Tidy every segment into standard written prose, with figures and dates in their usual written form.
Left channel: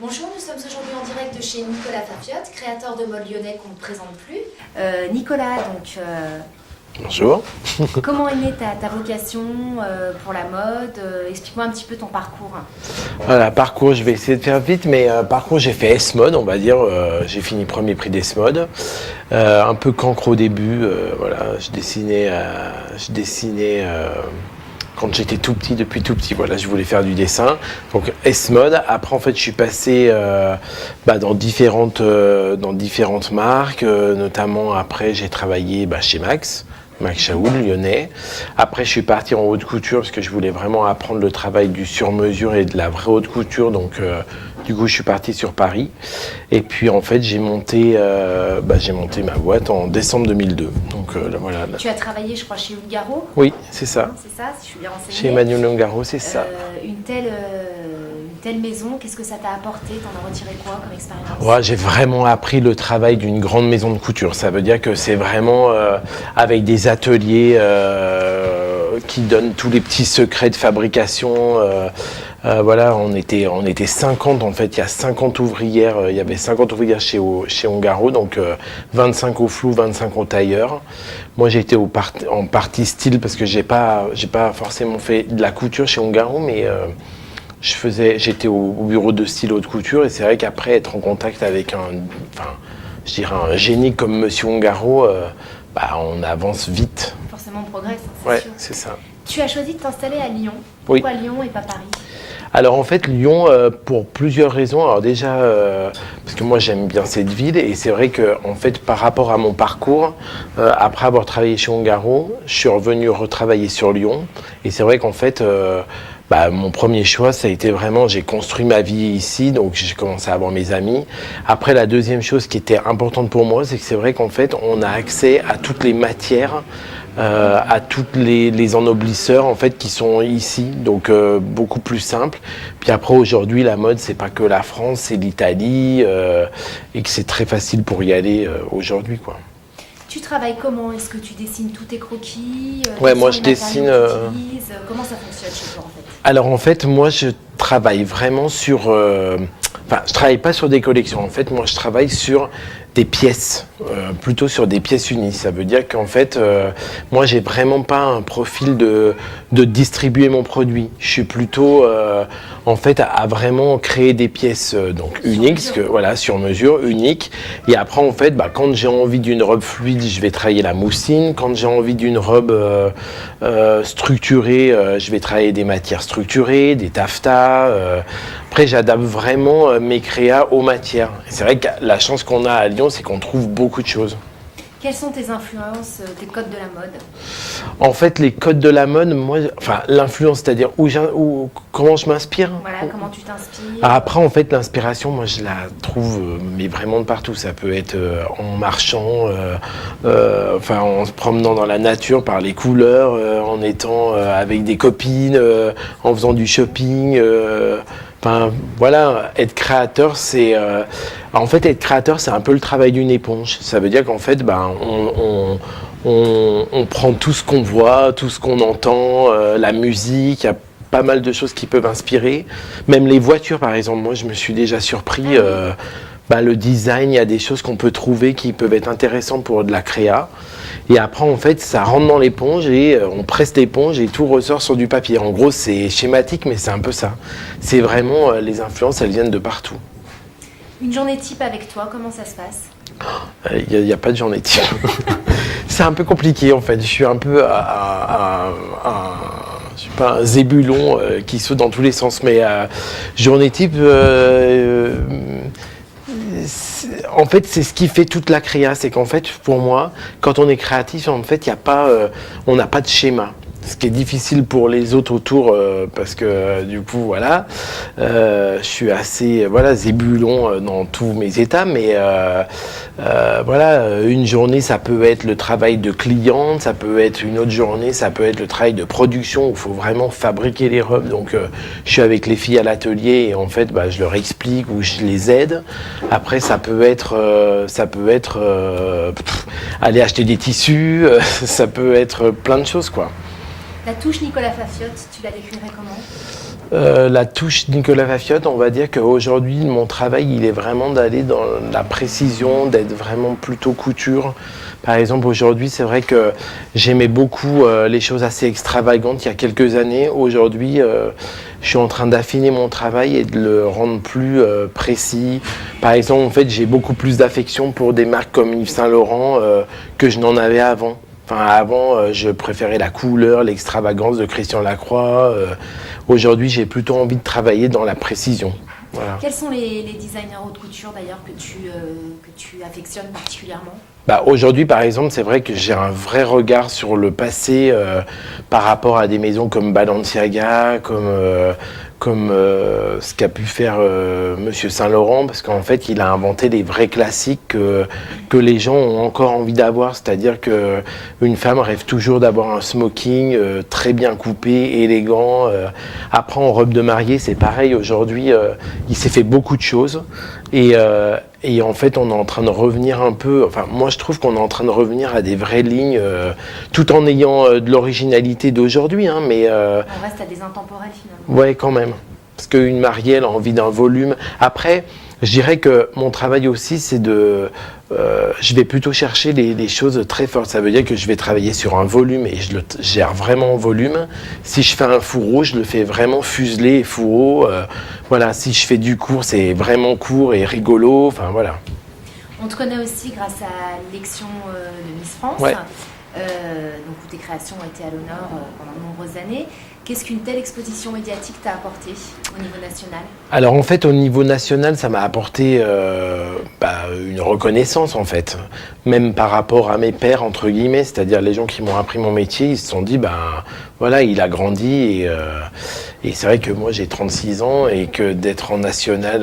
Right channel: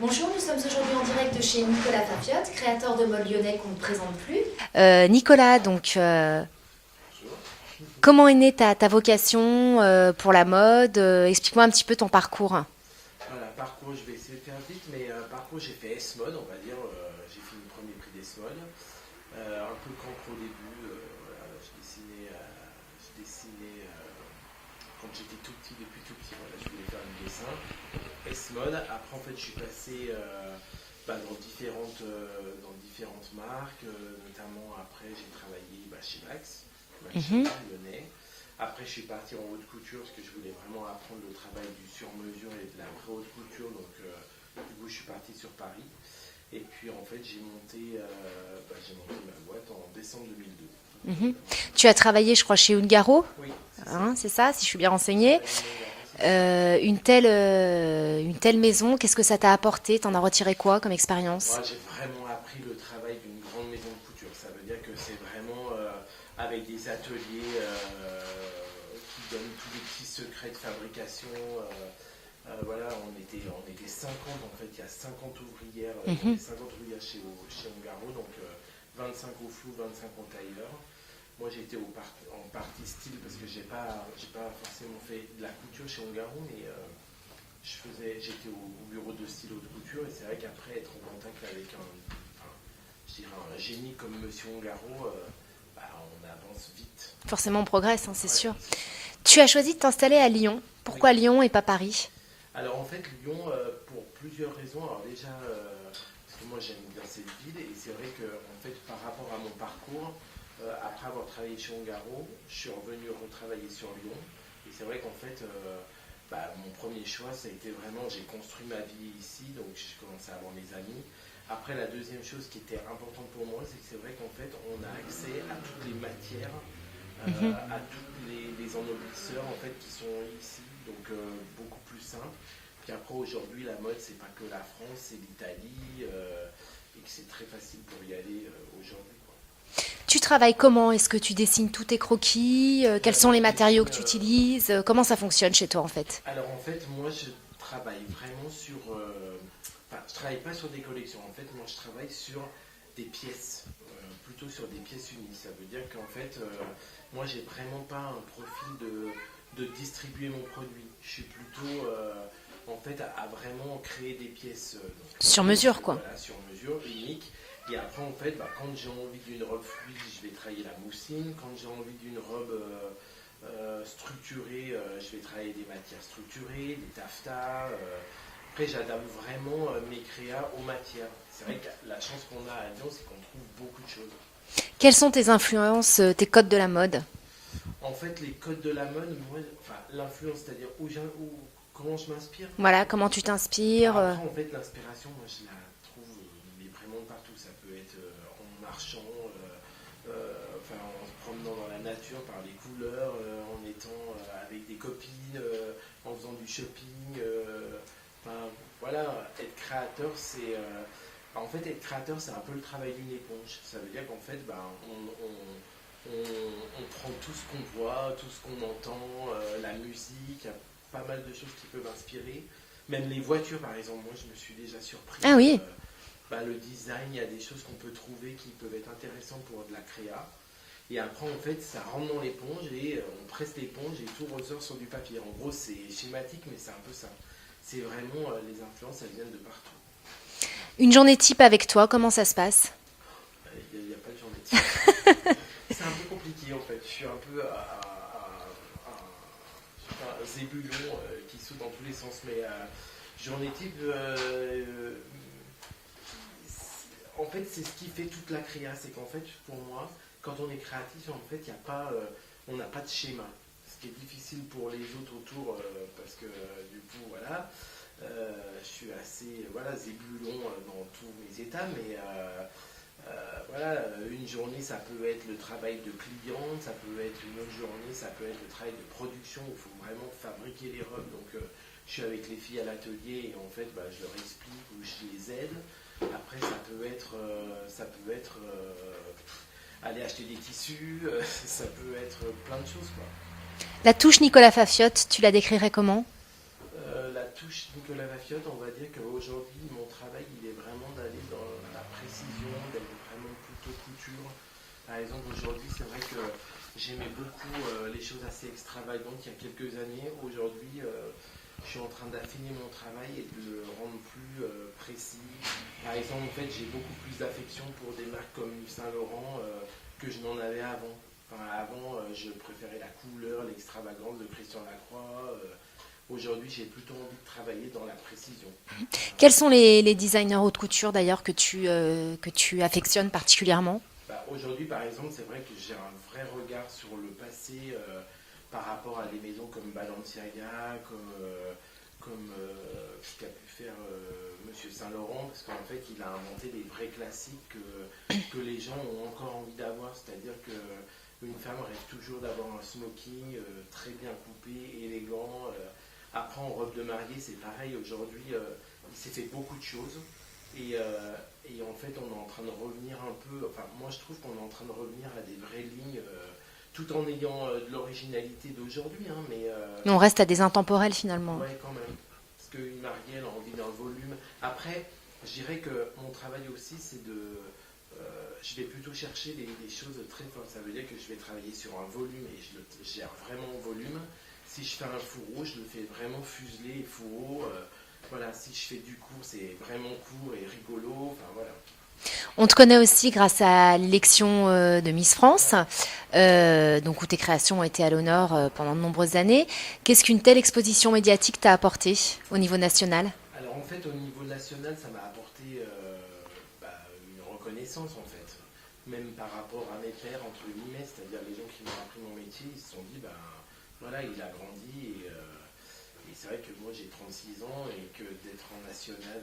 Bonjour, nous sommes aujourd'hui en direct de chez Nicolas Fafiotte, créateur de mode lyonnais qu'on ne présente plus. Nicolas, donc, Bonjour. comment est née ta vocation pour la mode? Explique-moi un petit peu ton parcours. Voilà, parcours, je vais essayer de faire vite, mais parcours, j'ai fait S-Mode, on va dire. J'ai fini premier prix d'S-Mode. Un peu cancre au début. Voilà, je dessinais quand j'étais tout petit, depuis tout petit. Voilà, je voulais faire du dessin. Donc S-Mode. Après, en fait, je suis passé dans différentes marques. Notamment, après, j'ai travaillé chez Max Chaoul, lyonnais. Après, je suis parti en haute couture parce que je voulais vraiment apprendre le travail du sur-mesure et de la vraie haute couture. Donc, du coup, je suis parti sur Paris. Et puis, en fait, j'ai monté ma boîte en décembre 2002. Donc, voilà. Tu as travaillé, je crois, chez Ungaro? Oui, c'est ça. C'est ça, si je suis bien renseignée. Chez Emmanuel Ungaro, c'est ça. Une telle maison, qu'est-ce que ça t'a apporté? T'en as retiré quoi comme expérience? Ouais, j'ai vraiment appris le travail d'une grande maison de couture. Ça veut dire que c'est vraiment avec des ateliers qui donnent tous les petits secrets de fabrication. Voilà, on était 50 en fait, il y a 50 ouvrières, il y avait 50 ouvrières chez Ungaro, donc 25 au flou, 25 au tailleur. Moi j'étais en partie style parce que j'ai pas forcément fait de la couture chez Ungaro, mais j'étais au bureau de style haute couture et c'est vrai qu'après être en contact avec un génie comme Monsieur Ungaro, on avance vite. Forcément on progresse, hein, c'est Ouais, sûr. c'est ça. Tu as choisi de t'installer à Lyon. Pourquoi Lyon et pas Paris? Alors en fait Lyon pour plusieurs raisons. Alors déjà parce que moi j'aime bien cette ville et c'est vrai que en fait par rapport à mon parcours, après avoir travaillé chez Ungaro, je suis revenu retravailler sur Lyon et c'est vrai qu'en fait mon premier choix, ça a été vraiment, j'ai construit ma vie ici, donc j'ai commencé à avoir mes amis. Après, la deuxième chose qui était importante pour moi, c'est que c'est vrai qu'en fait, on a accès à toutes les matières, à tous les ennoblisseurs en fait qui sont ici, donc beaucoup plus simple. Puis après, aujourd'hui, la mode, c'est pas que la France, c'est l'Italie, et que c'est très facile pour y aller aujourd'hui, quoi. Tu travailles comment? Est-ce que tu dessines tous tes croquis? Ouais, Quels moi sont je les matériaux dessine. que tu utilises? Comment ça fonctionne chez toi en fait? Alors en fait, moi je travaille vraiment sur. Je travaille pas sur des collections. En fait, moi je travaille sur des pièces, plutôt sur des pièces unies. Ça veut dire qu'en fait, moi j'ai vraiment pas un profil de distribuer mon produit. Je suis plutôt en fait à vraiment créer des pièces donc Sur uniques, mesure, parce que, voilà, sur mesure, uniques. Et après en fait, quand j'ai envie d'une robe fluide, je vais travailler la mousseline. Quand j'ai envie d'une robe structurée, je vais travailler des matières structurées, des taffetas. Après, j'adapte vraiment mes créas aux matières. C'est vrai que la chance qu'on a à Lyon, c'est qu'on trouve beaucoup de choses. Quelles sont tes influences, tes codes de la mode? En fait, les codes de la mode, l'influence, c'est-à-dire comment je m'inspire. Voilà, comment tu t'inspires? Après, en fait, l'inspiration, moi, je la trouve, mais vraiment de partout. Ça peut être en marchant, en se promenant dans la nature par les couleurs, en étant avec des copines, en faisant du shopping. Voilà, être créateur, c'est être créateur, c'est un peu le travail d'une éponge. Ça veut dire qu'en fait, on prend tout ce qu'on voit, tout ce qu'on entend, la musique. Il y a pas mal de choses qui peuvent inspirer. Même les voitures, par exemple. Moi, je me suis déjà surpris. Le design, il y a des choses qu'on peut trouver qui peuvent être intéressantes pour de la créa. Et après, en fait, ça rentre dans l'éponge et on presse l'éponge et tout ressort sur du papier. En gros, c'est schématique, mais c'est un peu ça. C'est vraiment, les influences, elles viennent de partout. Une journée type avec toi, comment ça se passe? Il n'y a pas de journée type. C'est un peu compliqué, en fait. Je suis un peu je suis pas un zébulon qui saute dans tous les sens, mais journée type... en fait, c'est ce qui fait toute la créa. C'est qu'en fait, pour moi, quand on est créatif, en fait, on n'a pas de schéma. Ce qui est difficile pour les autres autour, parce que du coup, voilà, je suis assez zébulon dans tous mes états, mais une journée, ça peut être le travail de cliente, ça peut être une autre journée, ça peut être le travail de production où il faut vraiment fabriquer les robes. Donc, je suis avec les filles à l'atelier et en fait, je leur explique ou je les aide. Après, ça peut être aller acheter des tissus, ça peut être plein de choses, quoi. La touche Nicolas Fafiotte, tu la décrirais comment ? La touche Nicolas Fafiotte, on va dire qu'aujourd'hui, mon travail, il est vraiment d'aller dans la précision, d'être vraiment plutôt couture. Par exemple, aujourd'hui, c'est vrai que j'aimais beaucoup les choses assez extravagantes il y a quelques années. Aujourd'hui, je suis en train d'affiner mon travail et de le rendre plus précis. Par exemple, en fait, j'ai beaucoup plus d'affection pour des marques comme Yves Saint Laurent que je n'en avais avant. Enfin, avant, je préférais la couleur, l'extravagance de Christian Lacroix. Aujourd'hui, j'ai plutôt envie de travailler dans la précision. Voilà. Quels sont les designers haute couture d'ailleurs que tu affectionnes particulièrement ? Aujourd'hui, par exemple, c'est vrai que j'ai un vrai regard sur le passé par rapport à des maisons comme Balenciaga, comme ce qu'a pu faire Monsieur Saint Laurent, parce qu'en fait, il a inventé des vrais classiques que les gens ont encore envie d'avoir. C'est-à-dire qu'une femme rêve toujours d'avoir un smoking très bien coupé, élégant. Après, en robe de mariée, c'est pareil. Aujourd'hui, il s'est fait beaucoup de choses. Et en fait, on est en train de revenir un peu... Enfin, moi, je trouve qu'on est en train de revenir à des vraies lignes, tout en ayant de l'originalité d'aujourd'hui. Hein, mais on reste à des intemporels, finalement. Ouais, quand même. Parce qu'une mariée, elle a envie d'un volume. Après, je dirais que mon travail aussi, c'est de... je vais plutôt chercher les choses très fortes. Ça veut dire que je vais travailler sur un volume et je le gère vraiment en volume. Si je fais un fourreau, je le fais vraiment fuselé et fourreau. Voilà, si je fais du court, c'est vraiment court et rigolo. Enfin, voilà. On te connaît aussi grâce à l'élection de Miss France, donc où tes créations ont été à l'honneur pendant de nombreuses années. Qu'est-ce qu'une telle exposition médiatique t'a apporté au niveau national ? Alors en fait, au niveau national, ça m'a apporté une reconnaissance en fait, même par rapport à mes pairs entre guillemets, c'est-à-dire les gens qui m'ont appris mon métier, ils se sont dit voilà, il a grandi et c'est vrai que moi j'ai 36 ans et que d'être en national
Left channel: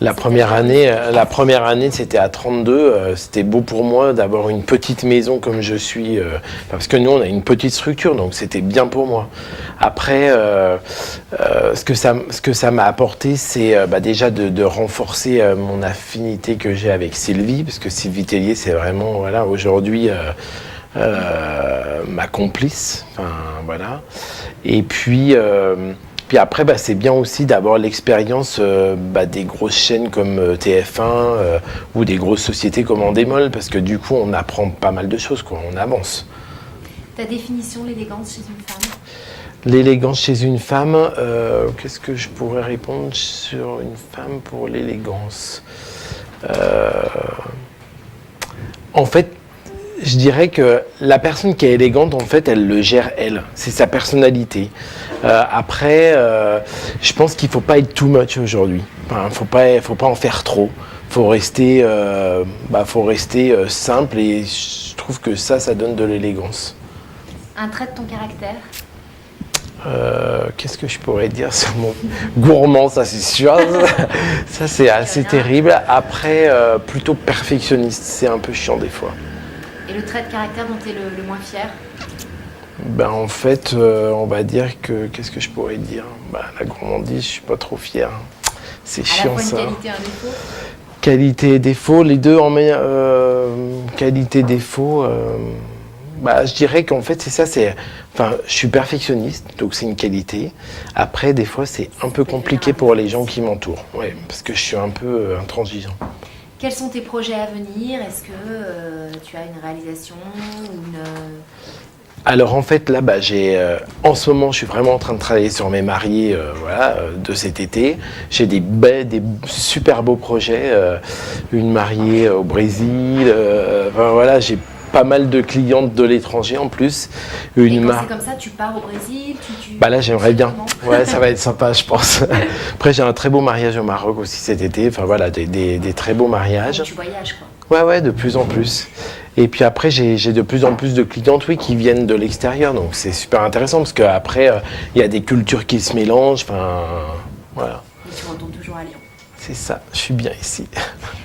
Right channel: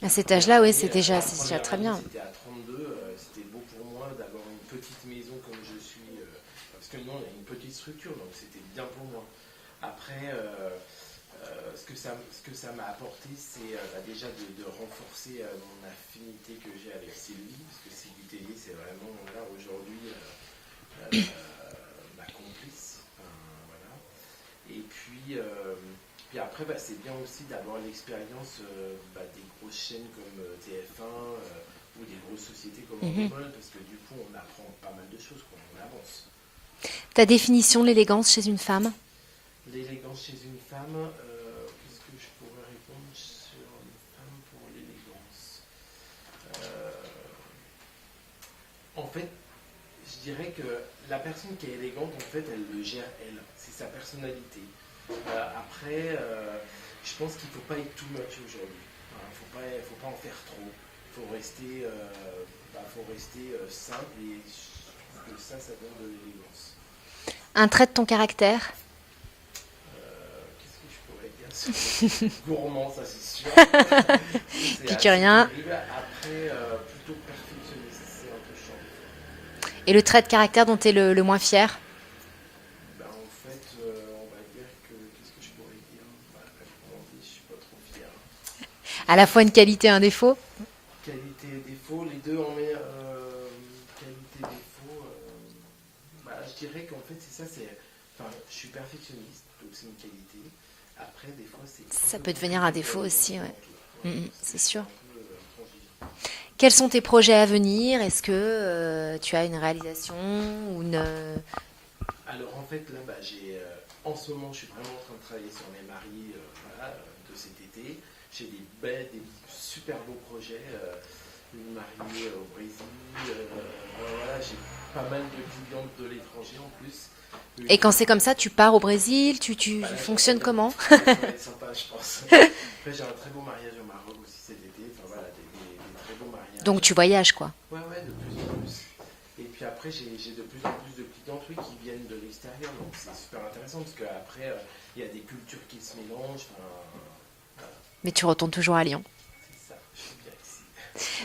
la première année, c'était à 32. C'était beau pour moi d'avoir une petite maison comme je suis, parce que nous, on a une petite structure, donc c'était bien pour moi. Après, ce que ça m'a apporté, c'est déjà de renforcer mon affinité que j'ai avec Sylvie, parce que Sylvie Tellier, c'est vraiment, voilà, aujourd'hui, ma complice. Enfin, voilà. Et puis après, c'est bien aussi d'avoir l'expérience des grosses chaînes comme TF1 ou des grosses sociétés comme Endemol, parce que du coup, on apprend pas mal de choses, quoi, on avance. Ta définition de l'élégance chez une femme ? L'élégance chez une femme, qu'est-ce que je pourrais répondre sur une femme pour l'élégance ? En fait, je dirais que la personne qui est élégante, en fait, elle le gère elle. C'est sa personnalité. Après, je pense qu'il ne faut pas être too much aujourd'hui. Enfin, faut pas en faire trop. Faut rester simple et je trouve que ça donne de l'élégance. Un trait de ton caractère ? Qu'est-ce que je pourrais dire sur mon gourmand, ça c'est sûr. Ça c'est assez terrible. Après, plutôt perfectionniste, c'est un peu chiant des fois. Et le trait de caractère dont tu es le moins fier ? En fait, on va dire que... Qu'est-ce que je pourrais dire ? La gourmandise, je suis pas trop fier. C'est chiant, à la fois une ça. qualité et un défaut ? Qualité et défaut, les deux en qualité et défaut. Je dirais qu'en fait, c'est ça. Je suis perfectionniste, donc c'est une qualité. Après, des fois, c'est un peu compliqué pour les gens qui m'entourent. Ouais, parce que je suis un peu intransigeant. Quels sont tes projets à venir ? Est-ce que tu as une réalisation ou une... Alors en fait là, en ce moment, je suis vraiment en train de travailler sur mes mariés de cet été. J'ai des super beaux projets, une mariée au Brésil. J'ai pas mal de clientes de l'étranger en plus. Et quand c'est comme ça, tu pars au Brésil, là, j'aimerais bien. Comment ? Ouais, ça va être sympa, je pense. Après, j'ai un très beau mariage au Maroc aussi cet été. Enfin voilà, des très beaux mariages. Donc tu voyages, quoi. Ouais, de plus en plus. Et puis après, j'ai de plus en plus de clientes, qui viennent de l'extérieur. Donc c'est super intéressant parce qu'après, il y a des cultures qui se mélangent. Enfin, voilà. Mais tu retournes toujours à Lyon. C'est ça, je suis bien ici.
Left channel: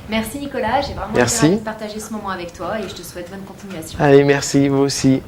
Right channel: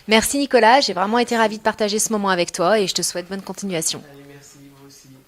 Merci Nicolas, j'ai vraiment été ravie de partager ce moment avec toi et je te souhaite bonne continuation. Allez, merci, vous aussi.